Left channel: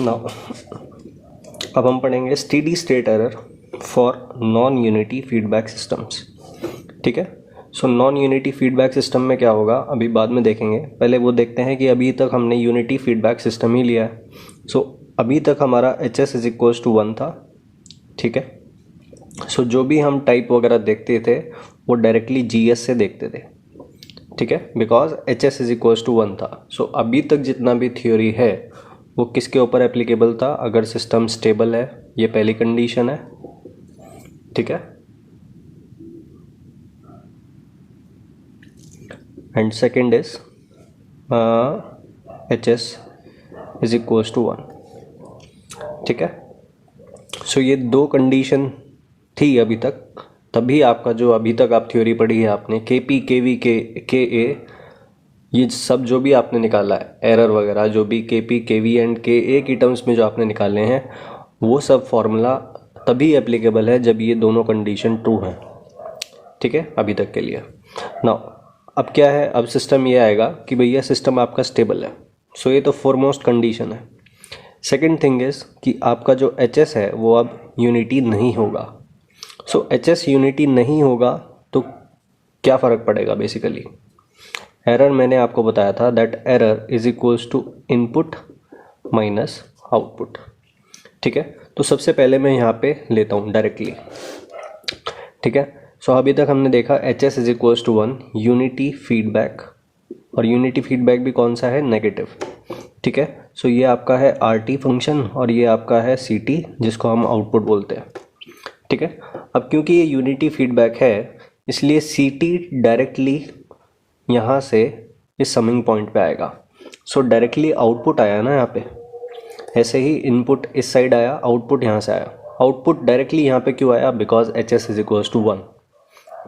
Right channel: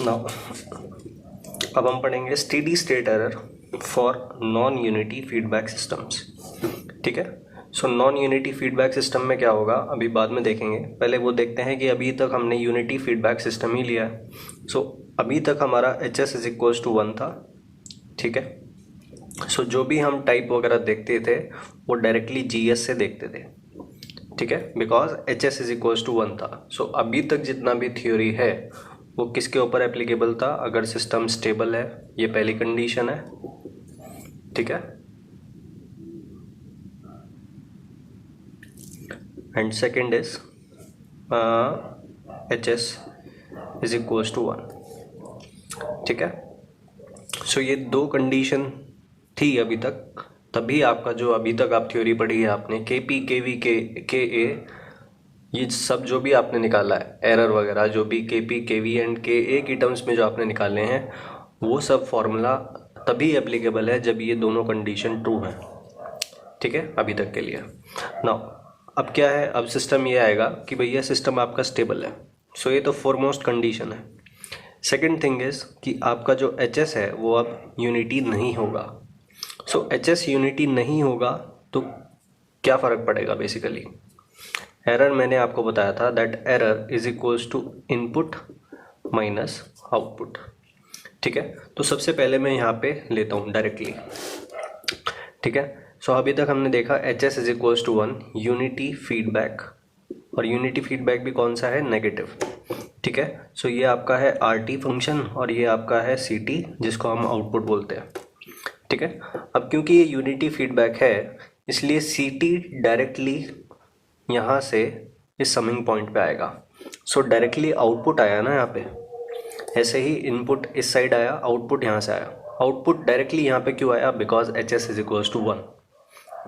Now अब हम पढ़ेंगे steady state error for non unity feedback systems. ठीक है, so non unity feedback system में क्या होगा अभी बाद में देखेंगे, पहले वो देखते हैं कि अभी तक हमने यूनिटी फीडबैक सिस्टम ही लिया है। सो अभी तक हमारा H S is equals to 1 था। ठीक है, सो जो भी हम टाइप वगैरह देखते थे वो डायरेक्टली जी एस से देखते थे। ठीक है, because H S is equals to 1 था। सो अभी तक जितना भी थ्योरी है वो किसके ऊपर एप्लीकेबल था? अगर सिस्टम स्टेबल है, ये पहली कंडीशन है। ठीक है, and second is H S is equals to 1। ठीक है, सो ये दो कंडीशन थी अभी तक, तभी आपका जो अभी तक आप थ्योरी पढ़ी है आपने के पी के वी के ए, ये सब जो भी आपने निकाला है एरर वगैरह, जो भी के पी के वी एंड के ए की टर्म्स में जो आपने निकाले हैं वो सब फॉर्मूला तभी एप्लीकेबल है जब ये दोनों कंडीशन ट्रू है। ठीक है, अभी तक के लिए। नाउ अब क्या है, अब सिस्टम ये आएगा कि भैया सिस्टम आपका स्टेबल है। सो ये तो फॉरमोस्ट कंडीशन है। सेकेंड थिंग इज कि आपका जो एच एस है वो अब यूनिटी नहीं होगा। सो एच एस यूनिटी नहीं होगा तो क्या फ़र्क पड़ेगा? बेसिकली एरर मैंने आपको बताया था that error is equals to input minus output. ठीक है, तो सबसे पहले मैं यहाँ पे लेता हूँ डायरेक्टली। ठीक है, सो अभी तक हमने देखा H S is equals to 1 unity feedback, और यूनिटी फीडबैक भी कौन सा है? नेगेटिव। ठीक है, सो ये आपका है आर टी फंक्शन और ये आपका है सी टी जिसको हम आउटपुट बोलते हैं। ठीक है, अब क्योंकि ये यूनिटी फीडबैक है इसलिए सी टी डायरेक्टली यहाँ से इस समिंग पॉइंट पे आएगा। सो डायरेक्टली आउटपुट आया ना यहाँ पे, ऐसे ही इनपुट इस साइड आया, आउटपुट यहाँ से आया। आउटपुट डायरेक्टली यहाँ पे क्यों आया? Because H S is equals to 1।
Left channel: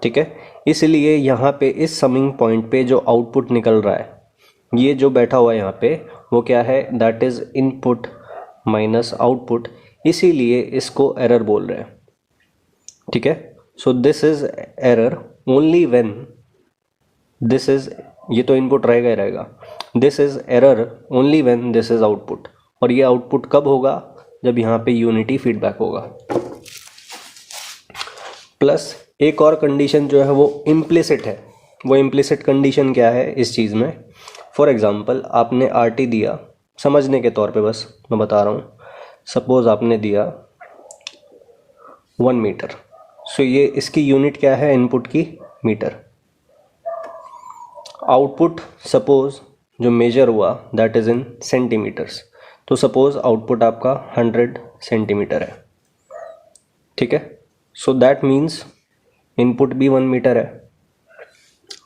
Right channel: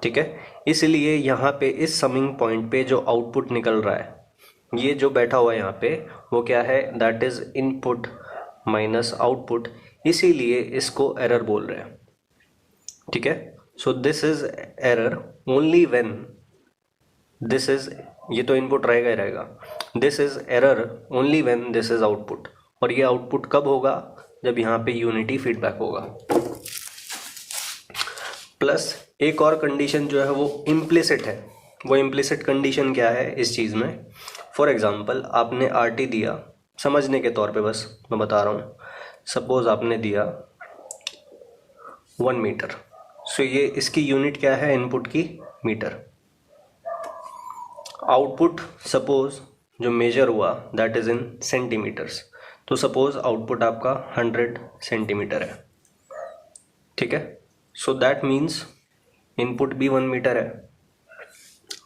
ठीक है, इसलिए यहाँ पे इस समिंग पॉइंट पे जो आउटपुट निकल रहा है, ये जो बैठा हुआ है यहाँ पे वो क्या है? That is input minus output, इसीलिए इसको एरर बोल रहे हैं। ठीक है, so this is error only when this is, ये तो इनपुट रहेगा ही रहेगा, this is error only when this is output. और ये आउटपुट कब होगा? जब यहाँ पे यूनिटी फीडबैक होगा। प्लस एक और कंडीशन जो है वो इम्प्लिसिट है। वो इम्प्लिसिट कंडीशन क्या है इस चीज़ में? फॉर एग्जांपल आपने आर टी दिया, समझने के तौर पे बस मैं बता रहा हूँ। सपोज आपने दिया 1 मीटर। सो ये इसकी यूनिट क्या है? इनपुट की मीटर। आउटपुट सपोज जो मेजर हुआ दैट इज इन सेंटीमीटर्स, तो सपोज आउटपुट आपका 100 सेंटीमीटर है। ठीक है, सो दैट मीन्स इनपुट भी 1 मीटर है,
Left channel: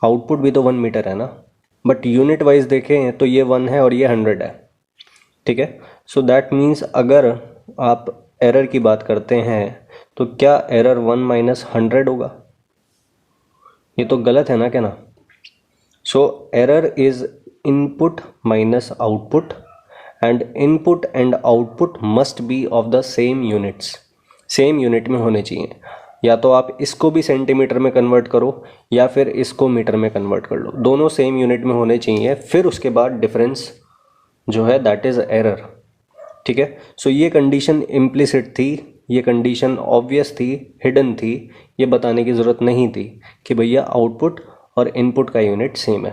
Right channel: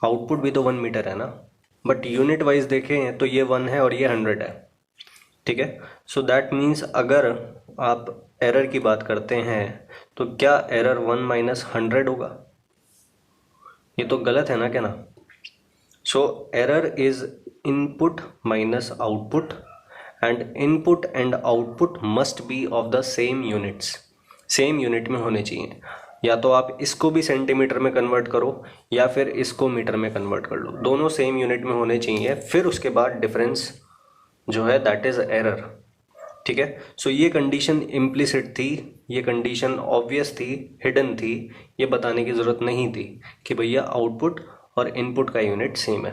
आउटपुट भी तो 1 मीटर है ना, बट यूनिट वाइज देखें तो ये 1 है और ये 100 है। ठीक है, सो दैट मीन्स अगर आप एरर की बात करते हैं तो क्या एरर 1 माइनस 100 होगा? ये तो गलत है ना, क्या ना? So error is input minus output and input and output must B of the same units. Same unit में होने चाहिए, या तो आप इसको भी सेंटीमीटर में कन्वर्ट करो या फिर इसको मीटर में कन्वर्ट कर लो, दोनों सेम यूनिट में होने चाहिए। फिर उसके बाद डिफरेंस जो है दैट इज एरर। ठीक है, सो ये कंडीशन इम्प्लिसिट थी, ये कंडीशन ऑब्वियस थी, हिडन थी, ये बताने की ज़रूरत नहीं थी कि भैया आउटपुट और इनपुट का यूनिट सेम है।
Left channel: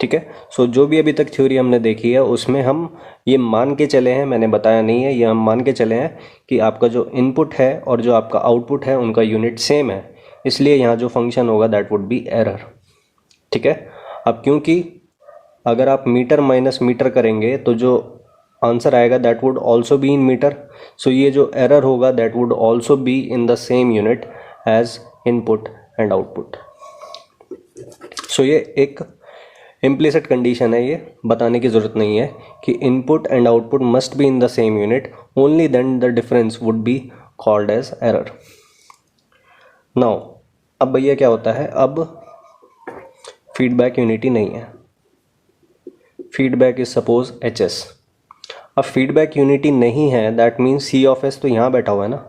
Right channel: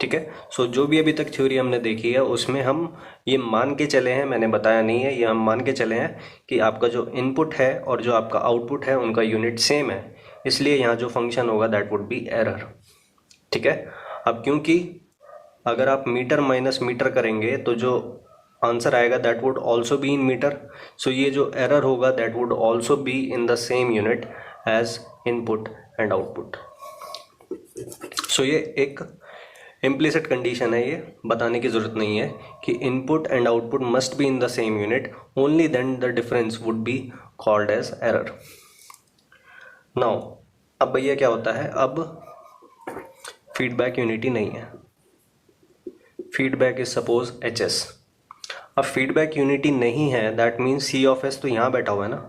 ठीक है, सो जो भी अभी तक थ्योरी हमने देखी है उसमें हम ये मान के चले हैं, मैंने बताया नहीं है, ये हम मान के चले हैं कि आपका जो इनपुट है और जो आपका आउटपुट है उनका यूनिट सेम है, इसलिए यहाँ जो फंक्शन होगा दैट वुड बी एरर। ठीक है, अब क्योंकि अगर आप मीटर माइनस मीटर करेंगे तो जो आंसर आएगा that would also be in metre. So ये जो एरर होगा that would also be in the same unit as input and output. So ये एक इम्प्लिसिट कंडीशन है, ये बताने की ज़रूरत नहीं है कि input and output must be in the same unit, only then the difference would be called as error. Now अब भैया क्या होता है, अब फीडबैक यूनिटी नहीं है, feedback is suppose H S. अब फीडबैक यूनिटी नहीं है that means C of S तो यहाँ बैठा हुआ है ना,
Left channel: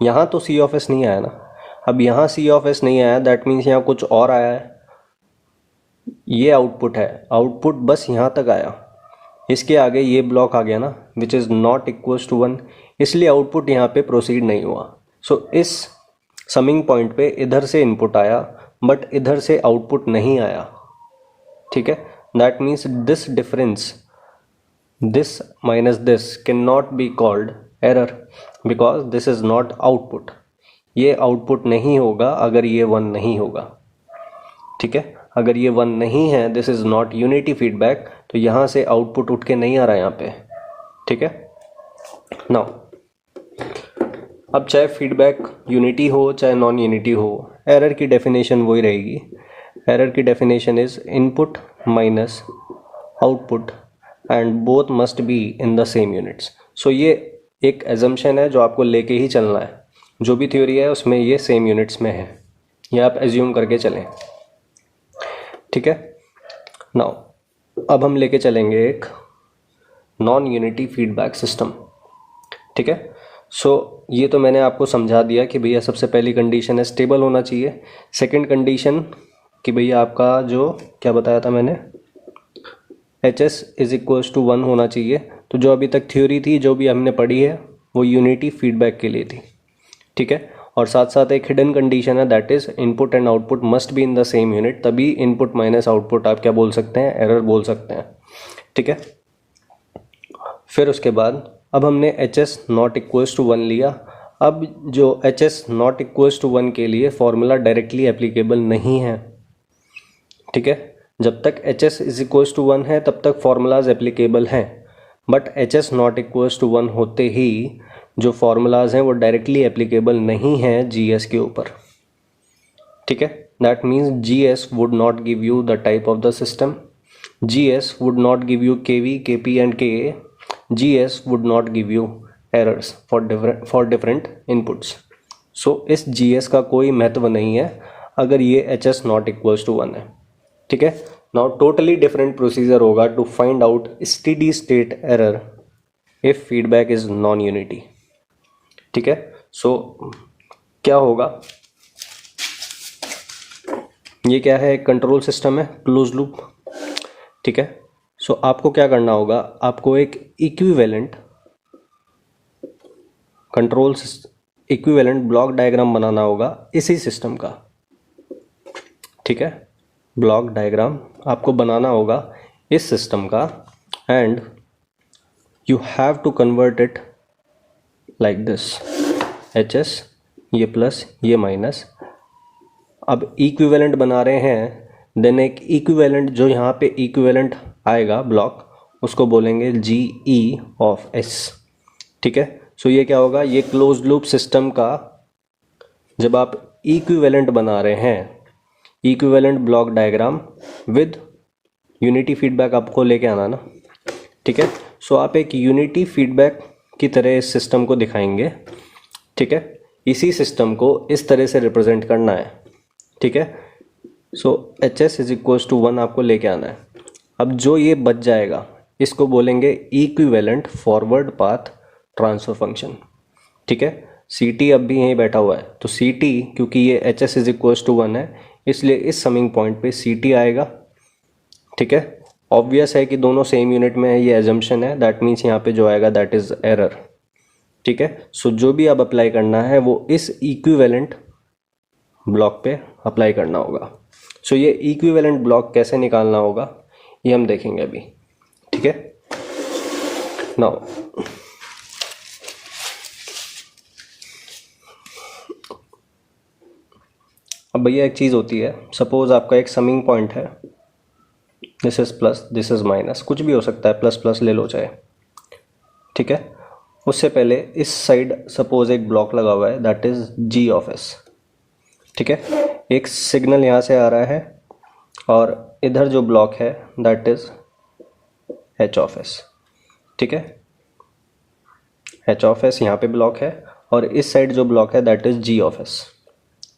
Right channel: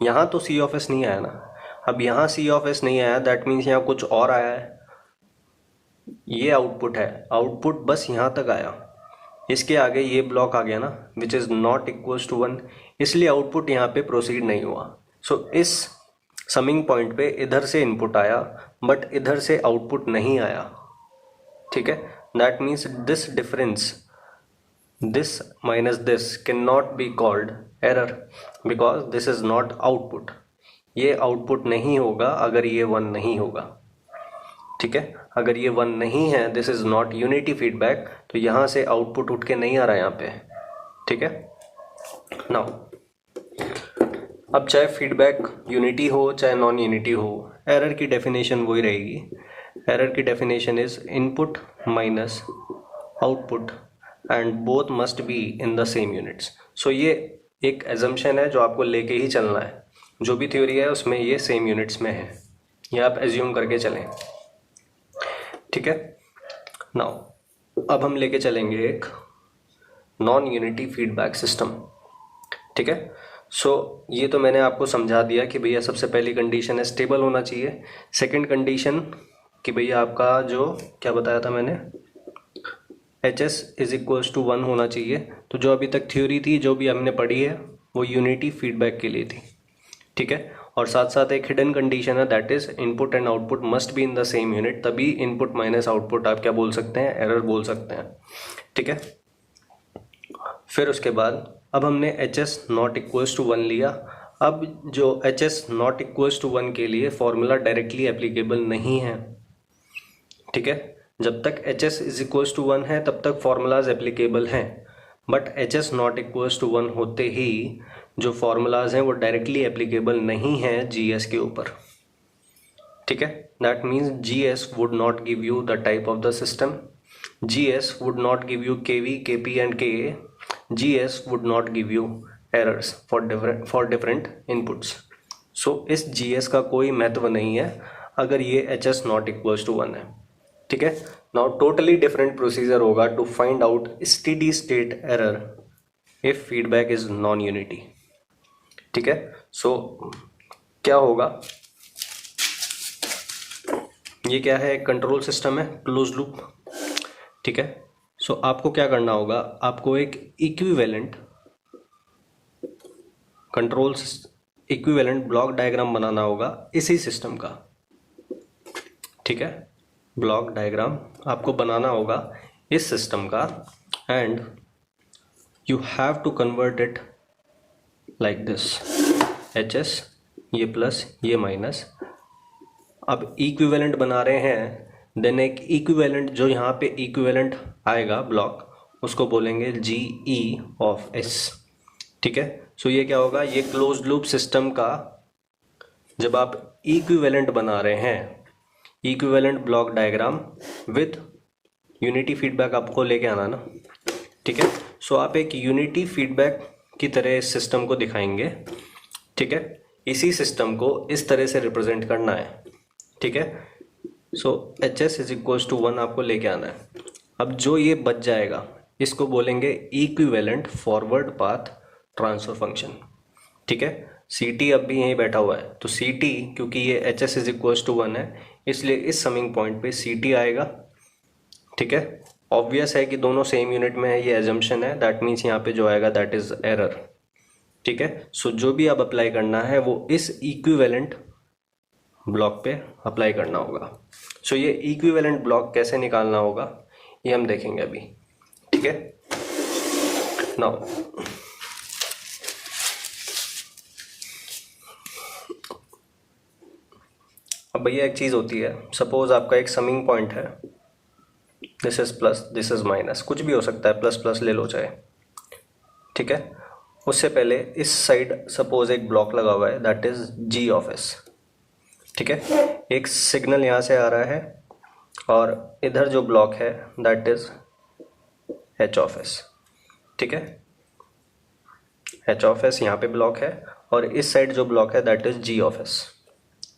यहाँ तो सी ऑफ एस नहीं आया ना। अब यहाँ सी ऑफ एस नहीं आया दैट मीन्स यहाँ कुछ और आया है, ये आउटपुट है, आउटपुट बस यहाँ तक आया। इसके आगे ये ब्लॉक आ गया ना which is not equals to 1, इसलिए आउटपुट यहाँ पे प्रोसीड नहीं हुआ। सो इस समिंग पॉइंट पे इधर से इनपुट आया बट इधर से आउटपुट नहीं आया, ठीक है। That means this difference, this minus this can not be called error because this is not output. ये आउटपुट नहीं होगा अगर ये 1 नहीं होगा, ठीक है। अगर ये 1 नहीं है, this is not unity feedback, तो यहाँ से आउटपुट उठ के नहीं आ रहा है यहाँ पे, ठीक है। नाउ अब चाहे फीडबैक यूनिटी हो चाहे नॉन यूनिटी हो, एरर की डेफिनेशन वही रहेगी। एरर की definition is input minus output and both must be in the same units. So ये एक एजम्पशन है जो आपको लेके ही चलना है, जो भी थ्योरी है उसमें ये सेम यूनिट्स में है, ये आप एज्यूम करके चलें, ठीक है। नाउ अब हम लेके चलेंगे एक नॉन यूनिटी फीडबैक सिस्टम, ठीक है। सो ये तो मैंने आपको समझा दिया कि भैया सबसे पहली कंडीशन है स्टेबल होना चाहिए। सेकंड कंडीशन कि भैया आपका जो क्या बताया था मैंने, HS इज इक्वल्स टू 1 होना चाहिए। तो जो अभी तक थ्योरी थी, जो भी हमने पढ़ी है, वो यूनिटी फीडबैक के लिए थी, ठीक है। और साथ साथ एक हिडन कंडीशन है, that is input and output must be in the same unit, तभी इनपुट माइनस आउटपुट आप क्या बोल सकते हैं, एरर बोल सकते हैं, ठीक है। फिर उसके बाद अब हमने HS नॉट इक्वल्स टू 1 लिया। अब जो HS नॉट इक्वल्स टू 1 के लिए फॉर्मूला डायरेक्टली एप्लीकेबल नहीं है, ठीक है। जब तक HS इज इक्वल्स टू 1 है तब तक फॉर्मूलाज एप्लीकेबल हैं, but HS not equals to 1 होते ही जो फॉर्मूलाज हैं वो डायरेक्टली एप्लीकेबल नहीं है GS के ऊपर, ठीक है। That means GS would not give you the type of the system, GS would not give you KV, KP and KA, GS would not give you errors for different inputs. So इस GS का कोई महत्व नहीं है अगर ये HS not equals to 1 है, ठीक है। Now totally different procedure होगा to find out steady state error if feedback is non-unity, ठीक है। So क्या होगा, ये क्या है, एक कंट्रोल सिस्टम है क्लोज लूप, ठीक है। सो आपको क्या करना होगा, आपको एक equivalent control equivalent block diagram बनाना होगा इसी सिस्टम का, ठीक है। ब्लॉक डायग्राम आपको बनाना होगा इस सिस्टम का and you have to convert it like this, HS ये प्लस ये माइनस। अब इक्विवेलेंट बना रहे हैं, देन एक इक्विवेलेंट जो यहाँ पे इक्विवेलेंट आएगा ब्लॉक उसको बोलेंगे GE ऑफ S, ठीक है। सो ये क्या होगा, ये क्लोज लूप सिस्टम का जब आप इक्विवेलेंट बना रहे हैं, equivalent block diagram with unity feedback आपको लेके आना ना, ठीक है। सो आप एक यूनिटी फीडबैक की तरह इस सिस्टम को दिखाएंगे, ठीक है। इसी सिस्टम को इस तरह से रिप्रेजेंट करना है, ठीक है। सो HS इज इक्वल्स टू 1 आपको लेके आना है। अब जो ये बच जाएगा इसको बोलेंगे equivalent forward path transfer function, ठीक है। CT अब भी यहीं बैठा हुआ है, तो CT क्योंकि ये HS इज इक्वल्स टू 1 है इसलिए इस समिंग पॉइंट पे CT आएगा, ठीक है। ऑब्वियस है कि दोनों सेम यूनिट में है, ये एजम्पशन है, दैट मीन्स यहाँ पे जो आएगा दैट इज एरर, ठीक है। सो जो भी अब अप्लाई करना है वो इस इक्विवेलेंट ब्लॉक पे अप्लाई करना होगा। सो ये इक्विवेलेंट ब्लॉक कैसे निकालना होगा ये हम देखेंगे अभी, ठीक है। नाउ अब भैया एक चीज़ होती है, सपोज आपका एक समिंग पॉइंट है, this is plus this is minus, कुछ भी हो सकता है, प्लस प्लस ले लो चाहे, ठीक है। उससे पहले इस साइड सपोज एक ब्लॉक लगा हुआ है that is G of S, ठीक है। एक सिग्नल यहाँ से आ रहा है और इधर जो ब्लॉक है that is H of S, ठीक है। H ऑफ S यहाँ पे ब्लॉक है और इस साइड जो ब्लॉक है that is G of S,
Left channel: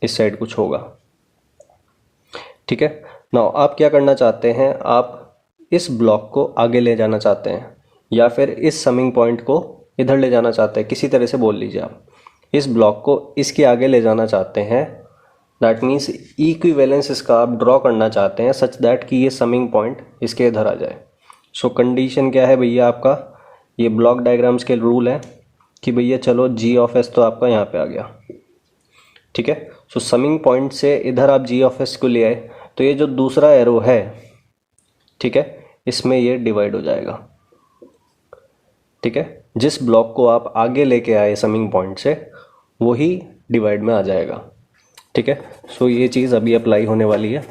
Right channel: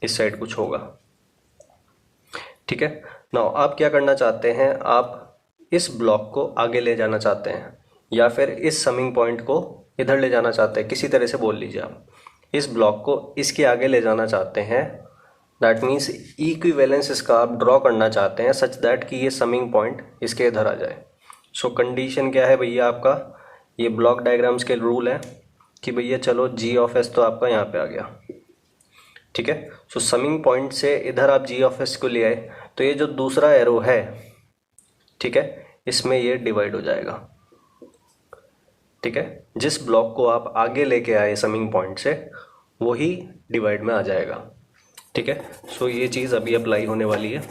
इस साइड कुछ होगा, ठीक है। नाउ आप क्या करना चाहते हैं, आप इस ब्लॉक को आगे ले जाना चाहते हैं या फिर इस समिंग पॉइंट को इधर ले जाना चाहते हैं, किसी तरह से बोल लीजिए आप इस ब्लॉक को इसके आगे ले जाना चाहते हैं, दैट मीन्स इक्विवेलेंस इसका आप ड्रॉ करना चाहते हैं सच दैट कि ये समिंग पॉइंट इसके इधर आ जाए। सो कंडीशन क्या है भैया आपका, ये ब्लॉक डायग्राम्स के रूल है कि भैया चलो जी ऑफ एस तो आपका यहाँ पे आ गया, ठीक है। सो समिंग पॉइंट से इधर आप जी ऑफ एस को ले आए तो ये जो दूसरा एरो है, ठीक है, इसमें ये डिवाइड हो जाएगा, ठीक है। जिस ब्लॉक को आप आगे लेके आए समिंग पॉइंट से वही डिवाइड में आ जाएगा, ठीक है। सो ये चीज़ अभी अप्लाई होने वाली है।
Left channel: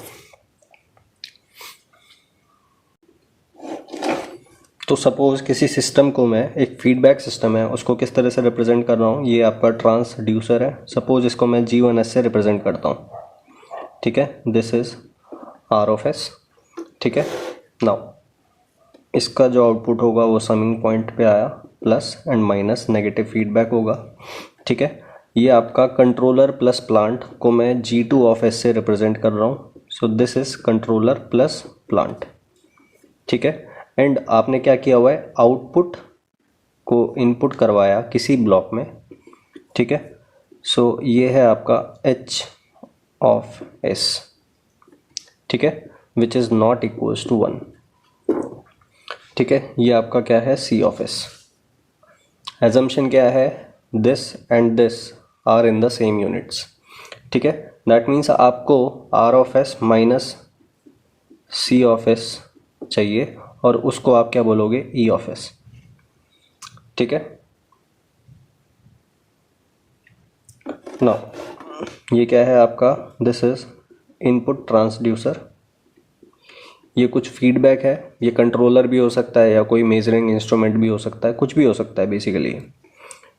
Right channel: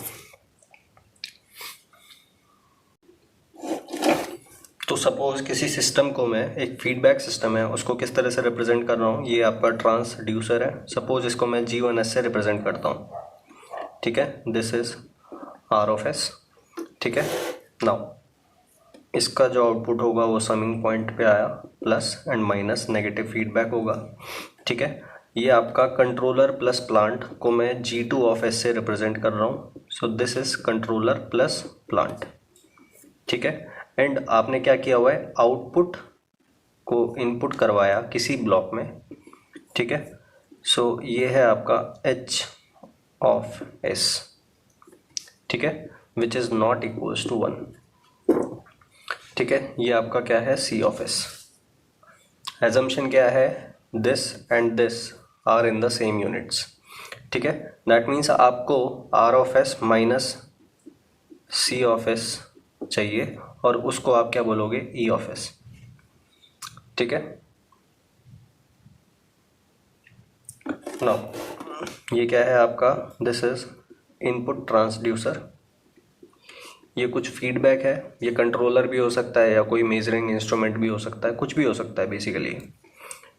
तो सपोज किसी सिस्टम को मैं, एक फीडबैक सिस्टम है उसको किस तरह से रिप्रेजेंट कर रहा हूँ, ये आपका ट्रांसड्यूसर है, सपोज इसको मैं G1S से रिप्रेजेंट करता हूँ, ठीक है। This is R of S, ठीक है। नाउ इसका जो आउटपुट होगा वो समिंग पॉइंट पे आया, plus and minus negative feedback होगा, ठीक है। ये आपका कंट्रोलर प्लस प्लांट को मैं G2 ऑफ S से रिप्रेजेंट कर रहा हूँ, so this is controller plus plant, ठीक है। एंड आपने क्या किया हुआ है, आउटपुट को इनपुट करवाया किसी ब्लॉक में, ठीक है। सो ये है आपका H ऑफ S, ठीक है, which is not equals to 1, ठीक है। ये आपका क्या है, C ऑफ S। एजम्पशन क्या है, this and this are in the same units, ठीक है। दैट मीन्स आपको R of S minus C of S चाहिए और उसको आप क्या बोलोगे, E ऑफ S, ठीक है। नाउ ये क्या है आपका, दिस इज इनपुट ट्रांसड्यूसर, ये कुछ फीडबैक है, ये कंट्रोलर भी हो सकता है या कोई मेजरिंग इंस्ट्रूमेंट भी हो सकता है, कुछ भी हो सकता है बेसिकली,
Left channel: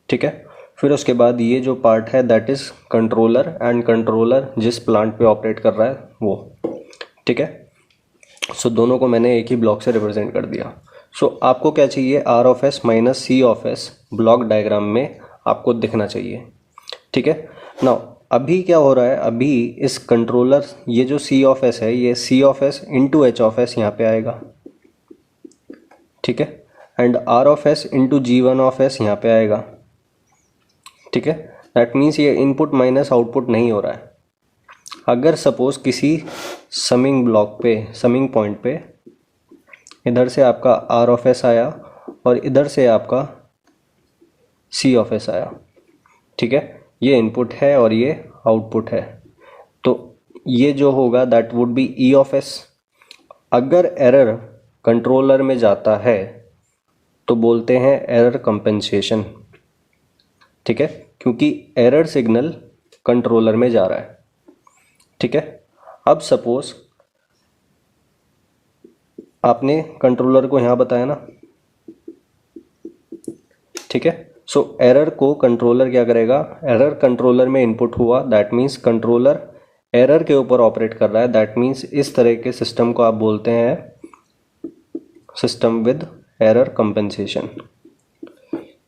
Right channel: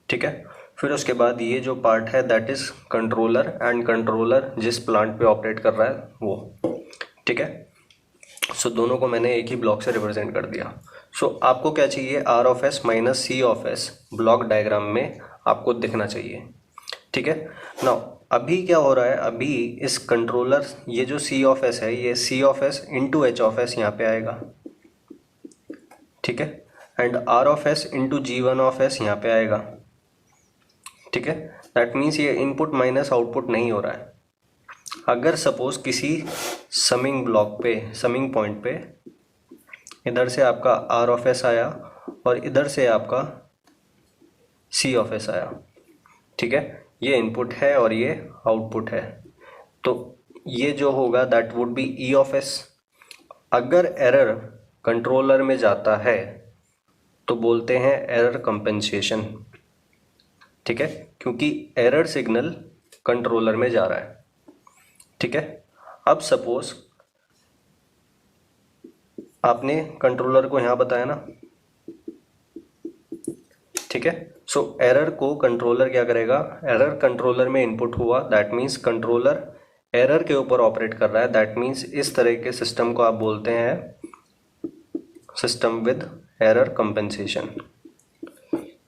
ठीक है। फिर उसके बाद ये जो पार्ट है that is controller, and controller जिस प्लांट पे ऑपरेट कर रहा है वो, ठीक है। सो दोनों को मैंने एक ही ब्लॉक से रिप्रेजेंट कर दिया। सो आपको क्या चाहिए, R of S minus C of S block diagram में आपको दिखना चाहिए, ठीक है। नाउ अभी क्या हो रहा है, अभी इस कंट्रोलर, ये जो C ऑफ S है ये C of S into H of S यहाँ पे आएगा, ठीक है। And R of S into G1 of S यहाँ पे आएगा, ठीक है। दैट मीन्स ये इनपुट माइनस आउटपुट नहीं हो रहा है। अगर सपोज किसी समिंग ब्लॉक पे, समिंग पॉइंट पे इधर से आपका R ऑफ S आया और इधर से आपका C ऑफ S आया, ठीक है, ये इनपुट है और ये आउटपुट है, तो ये जो होगा that would B E of S। अगर एरर कंट्रोलर में जाता है तो बोलते हैं एरर कंपेंसेशन, ठीक है, क्योंकि एरर सिग्नल कंट्रोलर में जा रहा है, ठीक है। अब सपोज आपने कंट्रोलर को यहाँ बताया ना, ठीक है। सो एरर को कंट्रोलर क्या करेगा, एरर कंट्रोलर में इनपुट हुआ, दैट मीन्स कंट्रोलर एरर के ऊपर ऑपरेट कर रहा है, दैट मीन्स इस तरह के सिस्टम को आप बोलते हैं सिस्टम विद एरर कंपेंसेशन,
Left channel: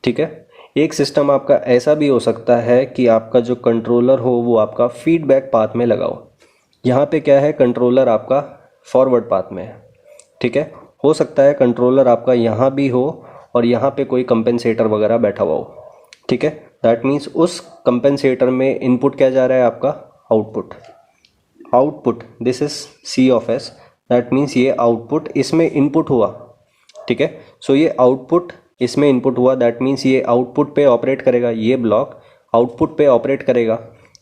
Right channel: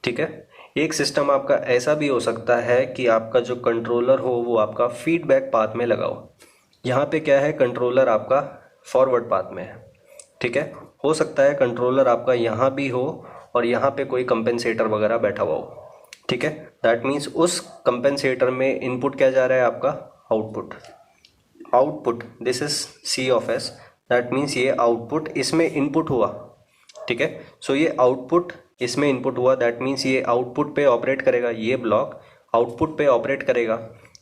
ठीक है। एक सिस्टम आपका ऐसा भी हो सकता है कि आपका जो कंट्रोलर हो वो आपका फीडबैक पाथ में लगा हो, यहाँ पे क्या है, कंट्रोलर आपका फॉरवर्ड पाथ में है, ठीक है। हो सकता है कंट्रोलर आपका यहाँ भी हो और यहाँ पे कोई कंपेंसेटर वगैरह बैठा हुआ हो, ठीक है। दैट मीन्स उस कंपेंसेटर में इनपुट क्या जा रहा है आपका, output, output this is C of S, that means ये आउटपुट इसमें इनपुट हुआ, ठीक है। सो ये आउटपुट इसमें इनपुट हुआ, दैट मीन्स ये आउटपुट पे ऑपरेट करेगा, ये ब्लॉक आउटपुट पे ऑपरेट करेगा,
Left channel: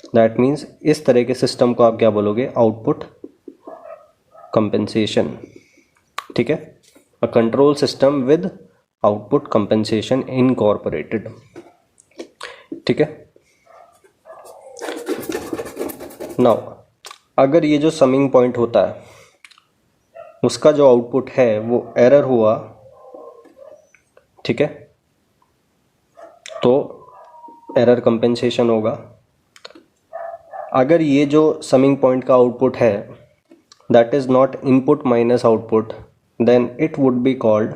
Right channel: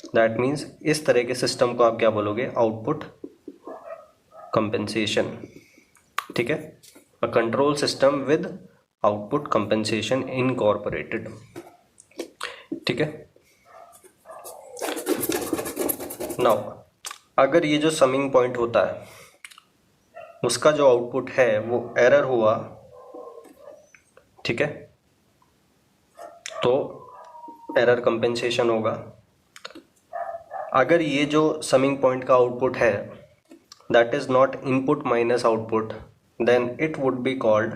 दैट मीन्स इस तरह के सिस्टम को आप क्या बोलोगे, आउटपुट कंपेंसेशन, ठीक है। A control system with output compensation incorporated, ठीक है। नाउ अगर ये जो समिंग पॉइंट होता है उसका जो आउटपुट है वो एरर हुआ, ठीक है, तो एरर कंपेंसेशन होगा। अगर ये जो समिंग पॉइंट का आउटपुट है that is not input minus output, then it would be called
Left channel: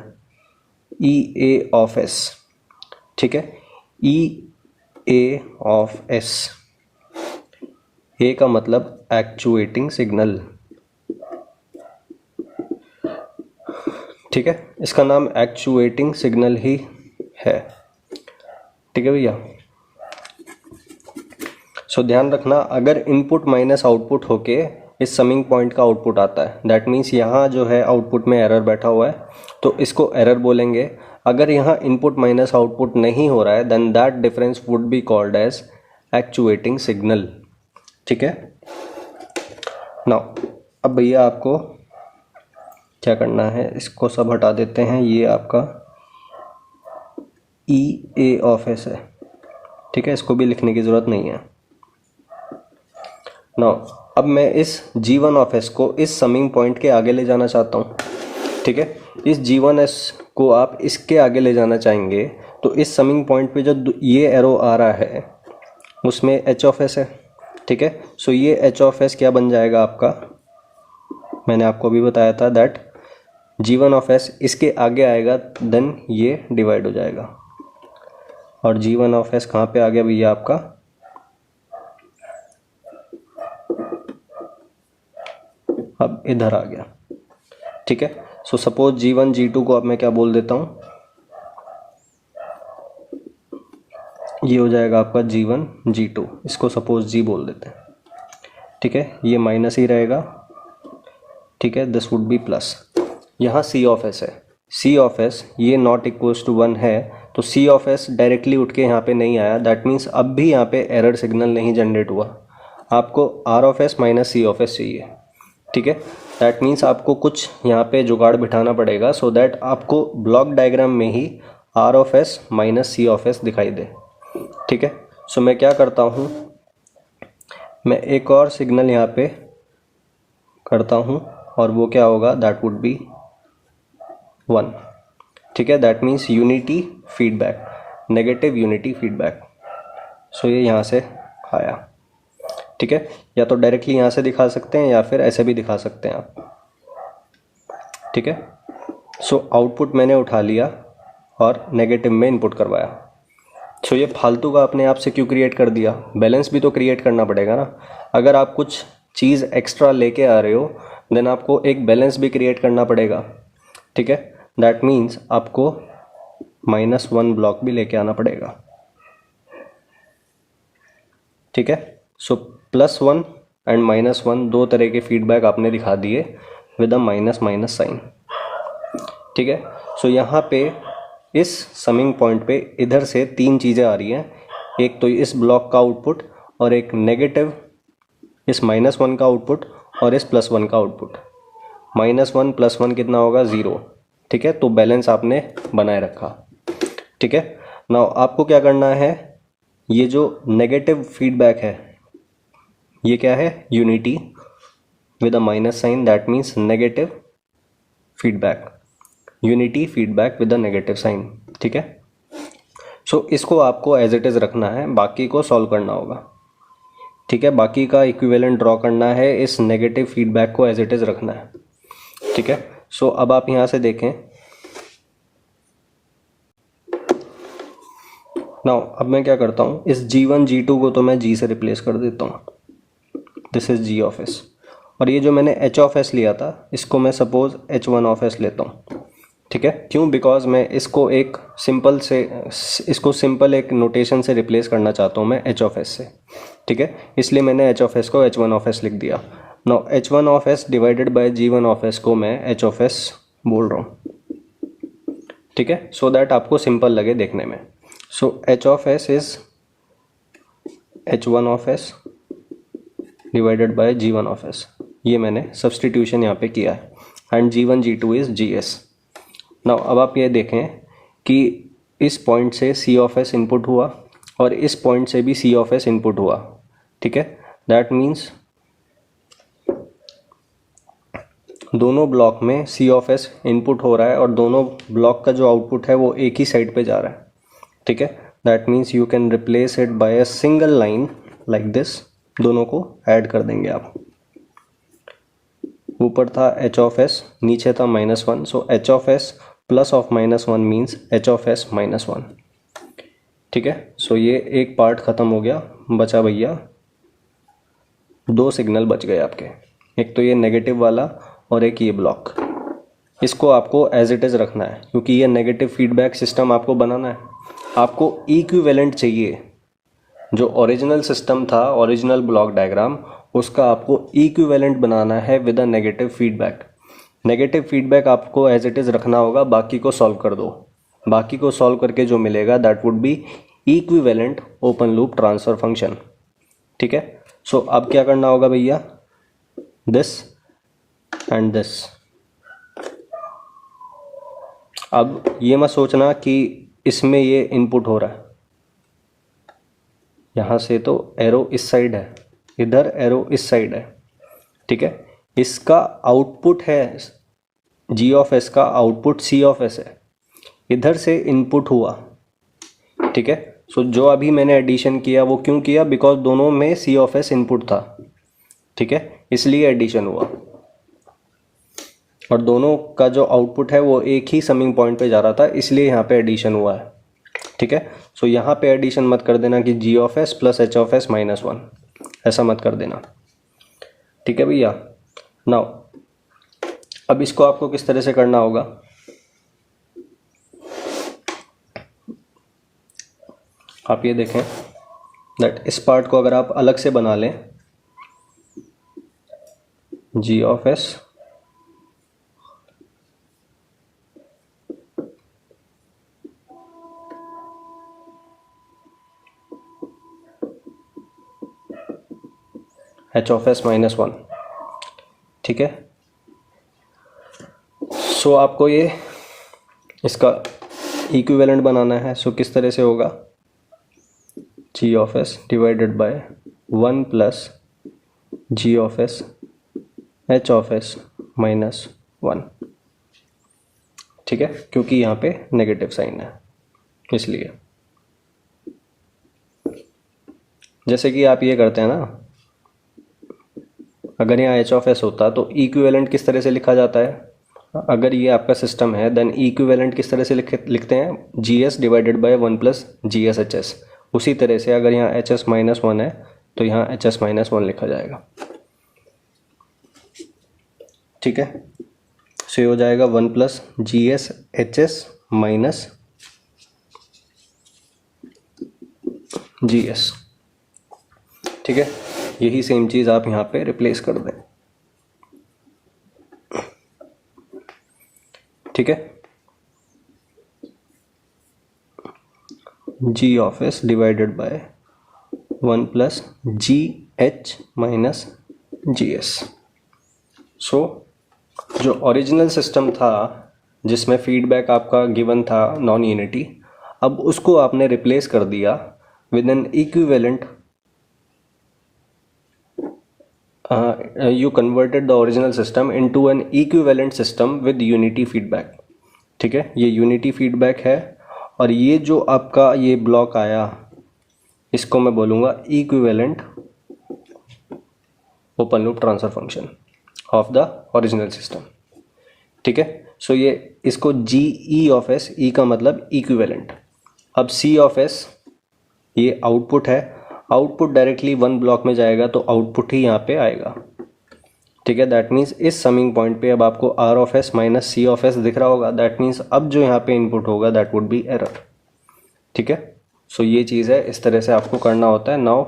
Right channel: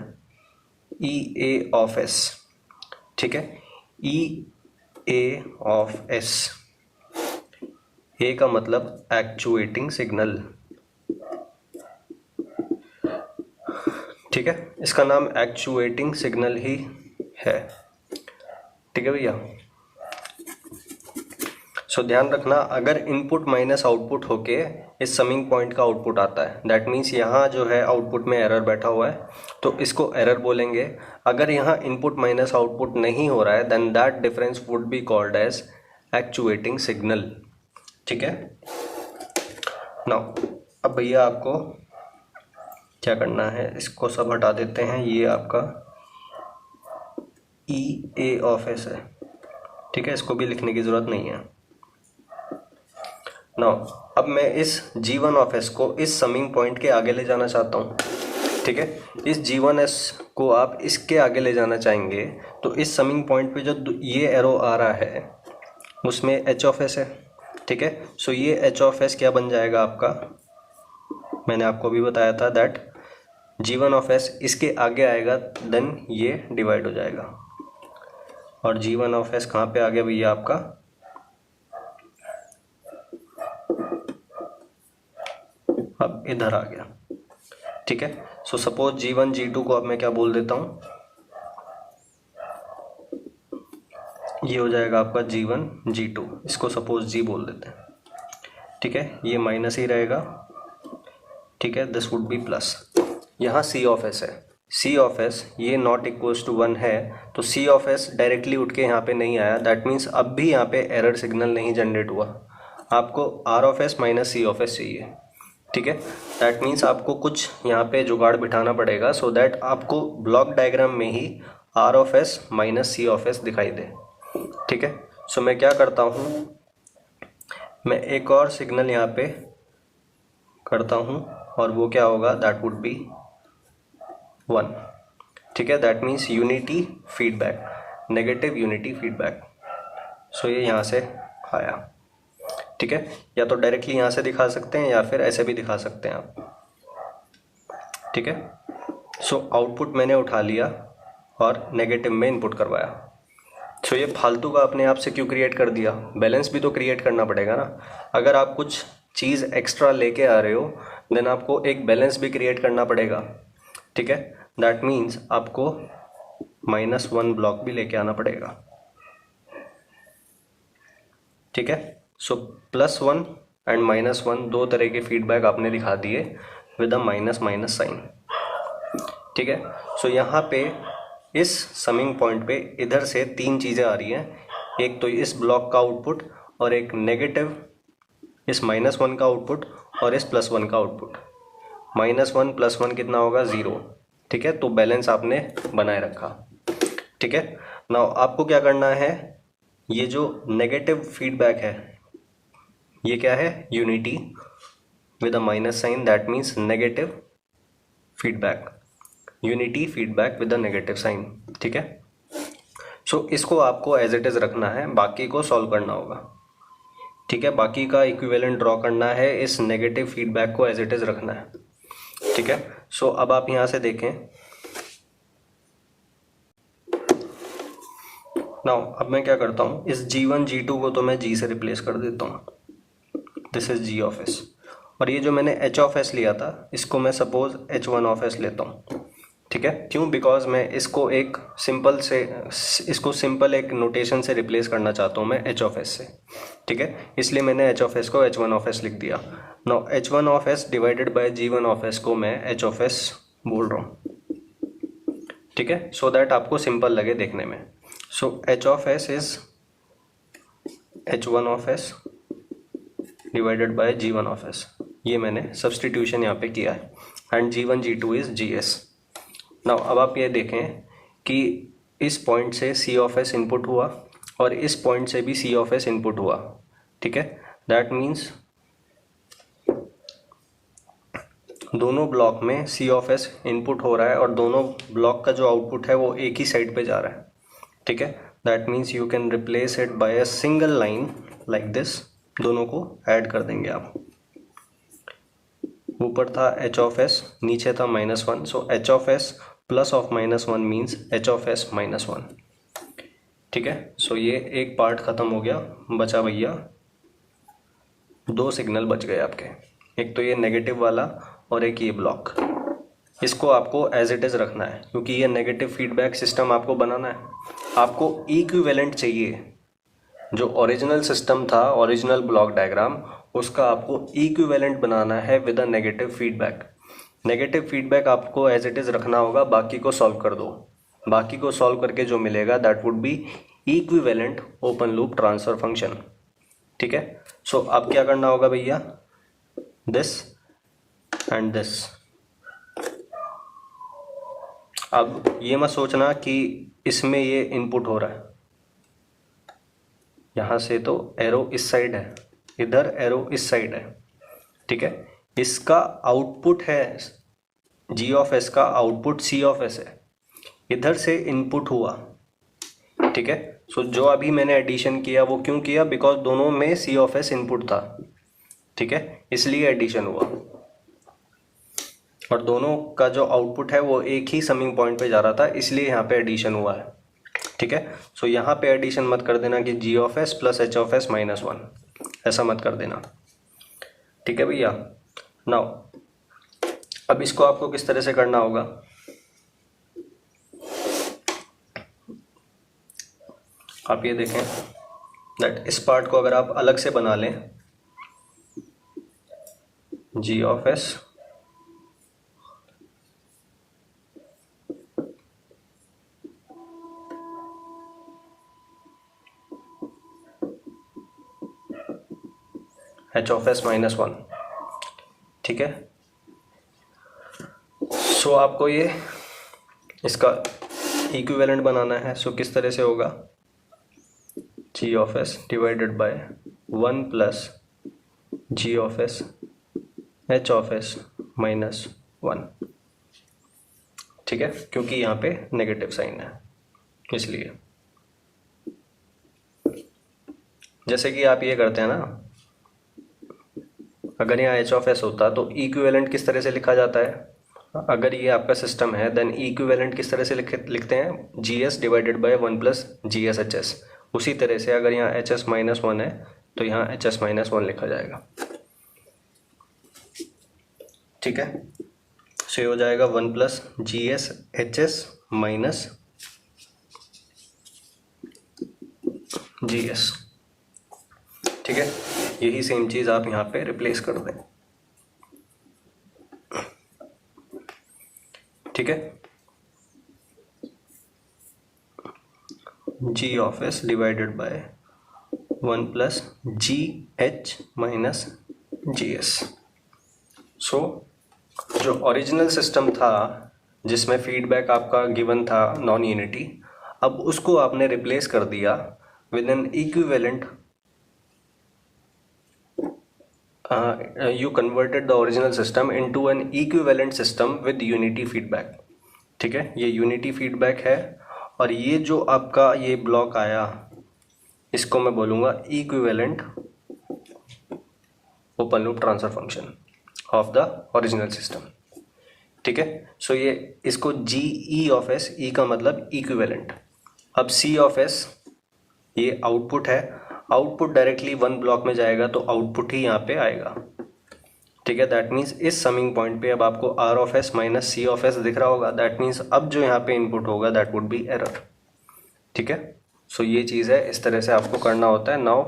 EA of S, ठीक है, EA ऑफ S, ए का मतलब एक्चुएटिंग सिग्नल, ठीक है, इसका नाम एक्चुएटिंग सिग्नल ही है, ठीक है भैया। सो ध्यान रखना, अगर इनपुट माइनस आउटपुट होके इस समिंग पॉइंट का आउटपुट आता है। दैट मीन्स यहाँ जो है आउटपुट में एरर बैठा हुआ है तो इसको एरर बोलेंगे। अगर यहाँ इनपुट माइनस आउटपुट नहीं हो रहा है then that difference would be called as actuating signal. ठीक है। नाउ अब भैया आपको क्या करना है, इसको सब हटा देते हैं। ये आपका ई ए ऑफ एस है। ठीक है, इसको भी लिखने की ज़रूरत नहीं है। नाउ अब मैं इस G1 ऑफ एस को इस समिंग पॉइंट के आगे ले जाना चाहता हूँ। ठीक है, इस G1 एस को आप इसके आगे ले जाना चाहेंगे तो इस समिंग पॉइंट पे जो ये एरो आ रहा है उसमें H ऑफ एस है। ठीक है, सो ये H ऑफ एस क्या बन जाएगा आपका, मैंने आपको अभी बताया था दैट G1 ऑफ एस इसके आगे आएगा देन ये डिवाइड हो जाएगा। और G1 ऑफ एस कहाँ पे आ गया भैया आपका, अब इधर आ गया। ठीक है, सो सपोज G1 G2 को अब मैं क्या बोल देता हूँ, ये हो जाएगा आपका G1 G2, इसको सपोज G बोल देते हैं। ठीक है, ये माइनस ही रहेगा। ठीक है, दिस वुड बी प्लस। यहाँ C ऑफ एस है, C ऑफ एस ये नॉट इक्वल्स टू 1 है तो C ऑफ एस डायरेक्टली उठ के यहाँ पे नहीं आया। दैट मीन्स अब भी यहाँ पे एरर सिग्नल नहीं जनरेट हुआ। आपको R of S minus C of S चाहिए। ठीक है, दैट मीन्स आपको कुछ यहाँ पे जुगाड़ बिठाना पड़ेगा सो दैट आपको ब्लॉक डायग्राम में ही R of S minus C of S दिखाई दे। ठीक है, सो मैं क्या करता हूँ, मैं एक और सिग्नल यहाँ पे करता हूँ और वो क्या होगा, दैट वुड बी 1। ठीक है, that means unity feedback, negative unity feedback. So ये यहाँ से आया। ठीक है, या तो डायरेक्टली यहाँ से दिखा सकते हैं या फिर ऐसे भी दिखा सकते हैं आप। ठीक है, सो आउटपुट मैंने उठा लिया और नेगेटिव में इनपुट करवाया। सो ये फालतू का अपने आप से क्यों क्रिएट कर दिया, बैलेंस भी तो क्रिएट करना पड़ेगा ना। अगर आप कुछ चीज़ एक्स्ट्रा लेके आ रहे हो देन आपको एक बैलेंस भी क्रिएट करना पड़ेगा। ठीक है, दैट मीन्स आपको -1 ब्लॉक भी लेके आना पड़ेगा। ठीक है, सो +1 एंड -1 दो तरह के फीडबैक आपने दिखा दिए with a minus minus sign. ठीक है, सो यहाँ पे इस समिंग पॉइंट पे इधर से 3 चीज़ें आ रही हैं। एक तो इस ब्लॉक का आउटपुट और एक नेगेटिव इस -1 का आउटपुट और इस +1 का आउटपुट। -1 +1 कितना होगा, 0। ठीक है, तो बैलेंस आपने बनाए रखा। ठीक है, नाउ आपको क्या करना है, ये जो नेगेटिव फीडबैक है ये क्या है, unity with a minus sign, that means negative feedback, unity feedback with a negative sign. ठीक है, सो इसको आपको एज इट इज़ रखना है, बाकी को सॉल्व करना होगा। ठीक है, बाकी का इक्विवेलेंट ड्रॉ करना है, इस नेगेटिव फीडबैक को एज इट इज़ रखना है। ठीक है, सो अब आप यहाँ से देखें। नाउ अब मैं क्या करता हूँ, इस G1 G2 को तो मैं G से रिप्लेस कर देता हूँ। This is G of S. और ये जो मैंने H ऑफ एस लिया था इसको मैं सपोज H1 ऑफ एस लेता हूँ। ठीक है, क्यों, बिकॉज मैं इसको एक सिंपल एक नोटेशन से रिप्लेस करना चाहता हूँ मैं H ऑफ एस से। ठीक है, इसलिए मैंने H ऑफ एस को H1 ऑफ एस लिख दिया। Now H1 of S divided bye G1 of S को मैं H ऑफ एस बोल रहा हूँ। ठीक है, सो दैट आपको सिंपल लगे देखने में। सो H of S is H1 of S divided bye G1 of S, ये मैंने सब्सटीट्यूशन यहाँ पे किया है। And G1 G2 is GS। Now अब आप ये देखें कि इस पॉइंट से C ऑफ एस इनपुट हुआ और इस पॉइंट से भी C ऑफ एस इनपुट हुआ। ठीक है, दैट मीन्स दोनों ब्लॉक में C ऑफ एस इनपुट हो रहा है और दोनों ब्लॉक का जो आउटपुट है वो एक ही साइड पे जा रहा है। ठीक है, that means you can replace it by a single line like this. दोनों को ऐड कर देंगे आप। ऊपर था H ऑफ एस, नीचे था -1, सो H of S plus of -1 means H of S -1। ठीक है, सो ये एक पार्ट ख़त्म हो गया, बचा भैया 2 सिग्नल बच गए आपके। एक तो ये नेगेटिव वाला और एक ये ब्लॉक। इसको आपको एज इट इज़ रखना है क्योंकि ये नेगेटिव फीडबैक सिस्टम आपको बनाना है। आपको इक्विवेलेंट चाहिए, जो ओरिजिनल सिस्टम था, ओरिजिनल ब्लॉक डायग्राम, उसका आपको इक्विवेलेंट बनाना है with a negative feedback. Negative feedback आपको एज इट इज़ रखना होगा, बाकी को सॉल्व कर दो। बाकी को सॉल्व करके जो मिलेगा that would B equivalent open loop transfer function. ठीक है, सो अब क्या करना होगा भैया, दिस एंड दिस। अब ये मत सोचना कि इसमें ये इनपुट हो रहा है, यहाँ से तो एरो इस साइड है, इधर एरो इस साइड है। ठीक है, इसका आउटपुट है जी ऑफ एस का आउटपुट सी ऑफ एस है, इधर से इनपुट हुआ। ठीक है, सो जो अभी मैंने एडिशन किया वो क्यों किया, बिकॉज दोनों में सी ऑफ एस इनपुट था। ठीक है, इसलिए एडिशन हुआ, और दोनों का जो आउटपुट है वो एक ही समिंग पॉइंट पे जा रहा था, इसलिए यहाँ पे एडिशन हुआ है। ठीक है, सो यहाँ पे एडिशन मत कर देना कि G of S plus H of S minus one, ऐसा मत कर देना। ठीक है भैया, नाउ अब इसको आपको किस तरह से करना होगा, आप ये देखें दैट इस पार्ट को अगर आप अलग से बना लें, G of S H of S minus one. ठीक है, सो आपको ये इसका इक्विवेलेंट बनाना है। सो किस तरह से होगा, G of S divided by one plus G of S H of S minus one. ठीक है, क्योंकि यहाँ पे नेगेटिव साइन है इसलिए। जैसे कि आप ये करते हैं ना, अगर यहाँ एच ऑफ एस होता तो इक्विवेलेंट किस तरह से लिखा जाता है, अगर ये आपका सिस्टम है देन इक्विवेलेंट किस तरह से लिखते हैं, G S divided by one plus G S H S. उसी तरह से अगर यहाँ एच एस माइनस वन है तो यहाँ एच एस माइनस वन लिखा जाएगा। ठीक है, सो ये हो जाएगा one plus G S H S minus G S. ठीक है, यही सेम चीज़ आप यहाँ पे रिप्लेस कर दें। ठीक है, G of S divided by one plus G H minus G S. So जो ओरिजिनल सिस्टम था जिसमें फीडबैक आपका गिवन था नॉन यूनिटी, अब उसको आपने रिप्लेस कर दिया with N equivalent, you converted the original system into an equivalent system with unity feedback। ठीक है, ये यूनिटी फीडबैक है, और ये जो आपका ये ब्लॉक आया इसको मैं बोलूँगा equivalent open loop transfer function of the original system. ठीक है, सो ये इसको जी ई ऑफ एस, ई का मतलब इक्विवेलेंट। अब सी ऑफ एस ये आउटपुट है, आउटपुट डायरेक्टली वन ब्लॉक में जाएगा तो आउटपुट ही यहाँ पे आएगा। ठीक है, दैट मीन्स इस समिंग पॉइंट पे अब आपको R of S minus C of S दिख रहा होगा, दैट मीन्स अब जो यहाँ पे इनपुट होगा दैट वुड बी एरर। ठीक है, सो ये चीज़ है, इस तरह से आपको करना होता है। नाउ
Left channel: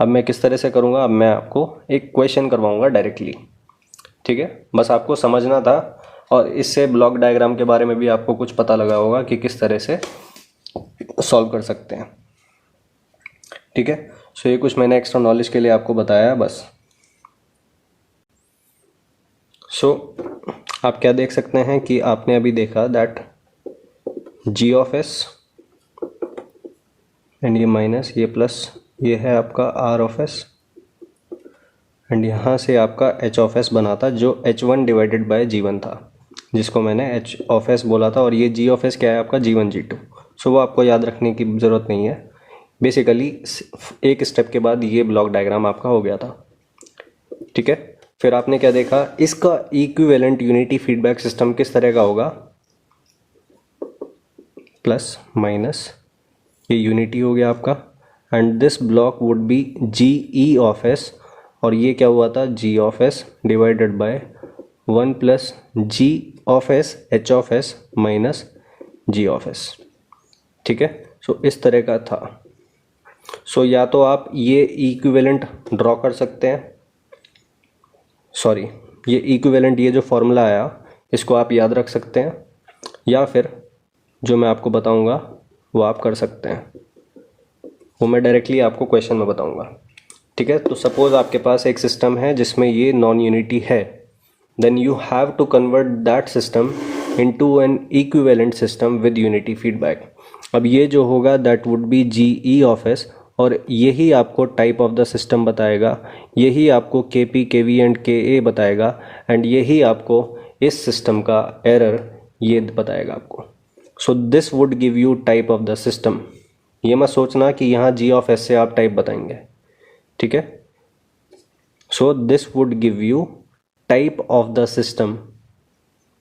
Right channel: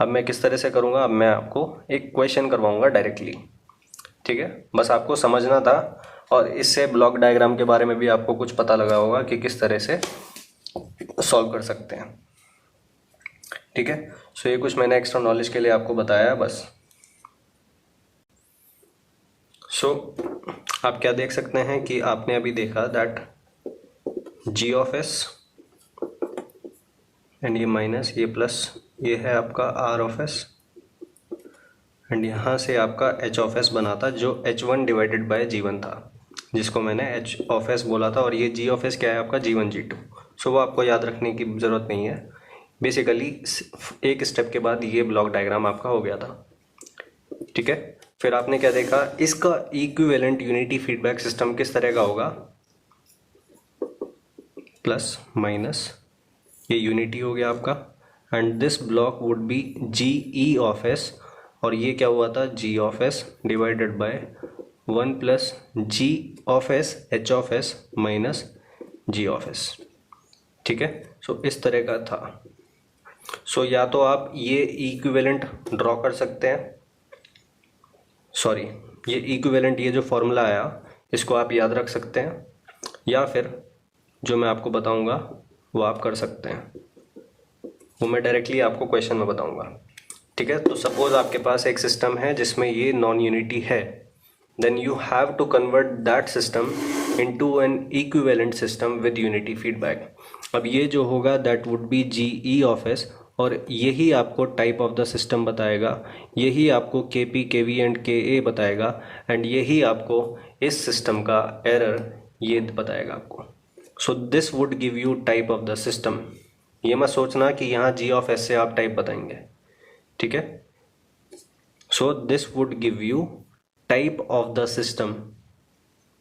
अब मैं किस तरह से करूँगा, अब मैं आपको एक क्वेश्चन करवाऊँगा डायरेक्टली। ठीक है, बस आपको समझना था, और इससे ब्लॉक डायग्राम के बारे में भी आपको कुछ पता लगा होगा कि किस तरह से सॉल्व कर सकते हैं। ठीक है, सो ये कुछ मैंने एक्स्ट्रा नॉलेज के लिए आपको बताया बस। सो आप क्या देख सकते हैं कि आपने अभी देखा that G of S and ये माइनस ये प्लस ये है आपका आर ऑफ एस, एंड यहाँ से आपका एच ऑफ एस बना था जो H one divided by G one था, जिसको मैंने एच ऑफ एस बोला था, और ये जी ऑफ एस क्या है आपका जी वन जी टू। सो वो आपको याद रखने की ज़रूरत नहीं है, बेसिकली एक स्टेप के बाद ये ब्लॉक डायग्राम आपका हो गया था। ठीक है, फिर आपने क्या देखा, इसका इक्विवेलेंट यूनिटी फीडबैक सिस्टम किस तरह का होगा, प्लस माइनस ये यूनिटी हो गया आपका, and this block would be G E of S, और ये क्या हुआ था G of S divided by one plus G of S H of S minus G of S. ठीक है, सो इस तरह का था। सो या तो आप ये इक्विवेलेंट ड्रॉ कर सकते हैं, सॉरी ये इक्विवेलेंट, ये जो फॉर्मूला आया इसको आप याद रख सकते हैं, या फिर जो मैं आपको बताऊंगा वो आप कर सकते हैं, वो मैं डायरेक्टली आपको क्वेश्चन में बताऊंगा। ठीक है, तो सपोज आपके पास एक सिस्टम है जिसमें ये नॉन यूनिटी है, then you have to convert that system into an equivalent system with unity feedback. अब ये जो होगा that would be GE of S, और यही आपको टाइप ऑफ द सिस्टम बताएगा, यही आपको KP KV एंड KA बताएगा, एंड यही आपको इस सिस्टम का एरर ये बताएगा आपको। So this would give you type of the system. ये मत सोचना कि यहाँ G ऑफ S से आप टाइप बताएंगे, ठीक है। So this would give you type of the system,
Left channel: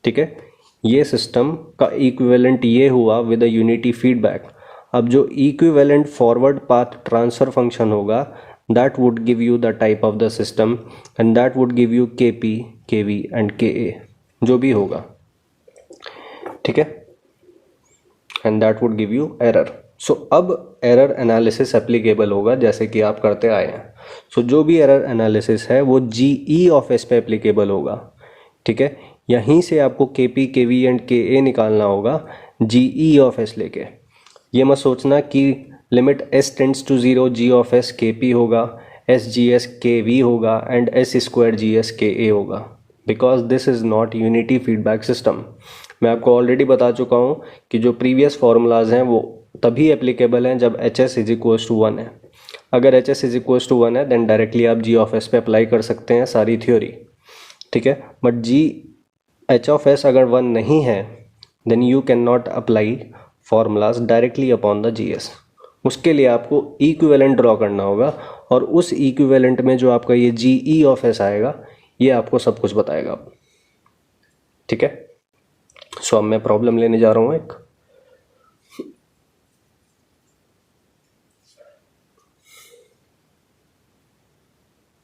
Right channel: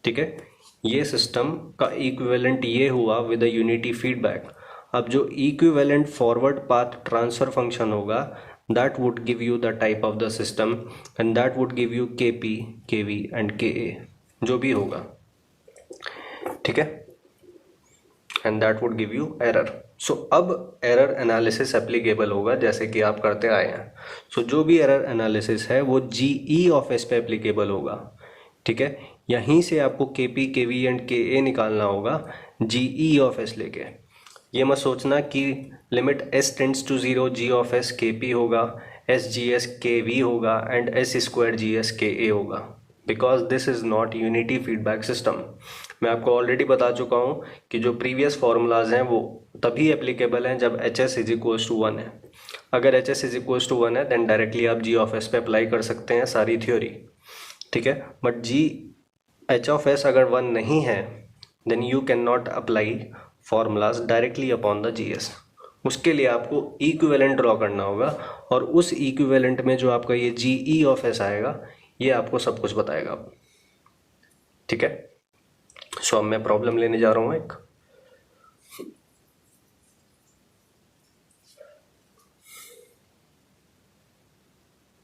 ठीक है। ये सिस्टम का इक्विवेलेंट ये हुआ विद अ यूनिटी फीडबैक। अब जो equivalent forward path transfer function होगा that would give you the type of the system, and that would give you KP KV and KA जो भी होगा, ठीक है, and that would give you error. So अब error analysis applicable होगा जैसे कि आप करते आए हैं। सो जो भी एरर एनालिसिस है वो GE ऑफ S पे एप्लीकेबल होगा, ठीक है। यहीं से आपको KP KV एंड KA निकालना होगा GE ऑफ S लेके। ये मत सोचना कि limit S tends to 0 G of S KP होगा, SGS KV होगा and S square GS KA होगा, because this is not unity feedback system. मैं आपको ऑलरेडी बता चुका हूँ कि जो प्रीवियस फॉर्मूलाज हैं वो तभी एप्लीकेबल हैं जब HS इज इक्वल्स टू 1 है। अगर HS इज इक्वल्स टू 1 है देन डायरेक्टली आप G ऑफ S पे अप्लाई कर सकते हैं सारी थ्योरी, ठीक है। बट H ऑफ S अगर 1 नहीं है then you can not apply formulas directly upon the GS। उसके लिए आपको इक्विवेलेंट ड्रॉ करना होगा, और उस इक्विवेलेंट में जो आपका ये GE ऑफ S आएगा ये आपको सब कुछ बताएगा, ठीक है। सो अब मैं प्रॉब्लम लेने जा रहा हूँ एक।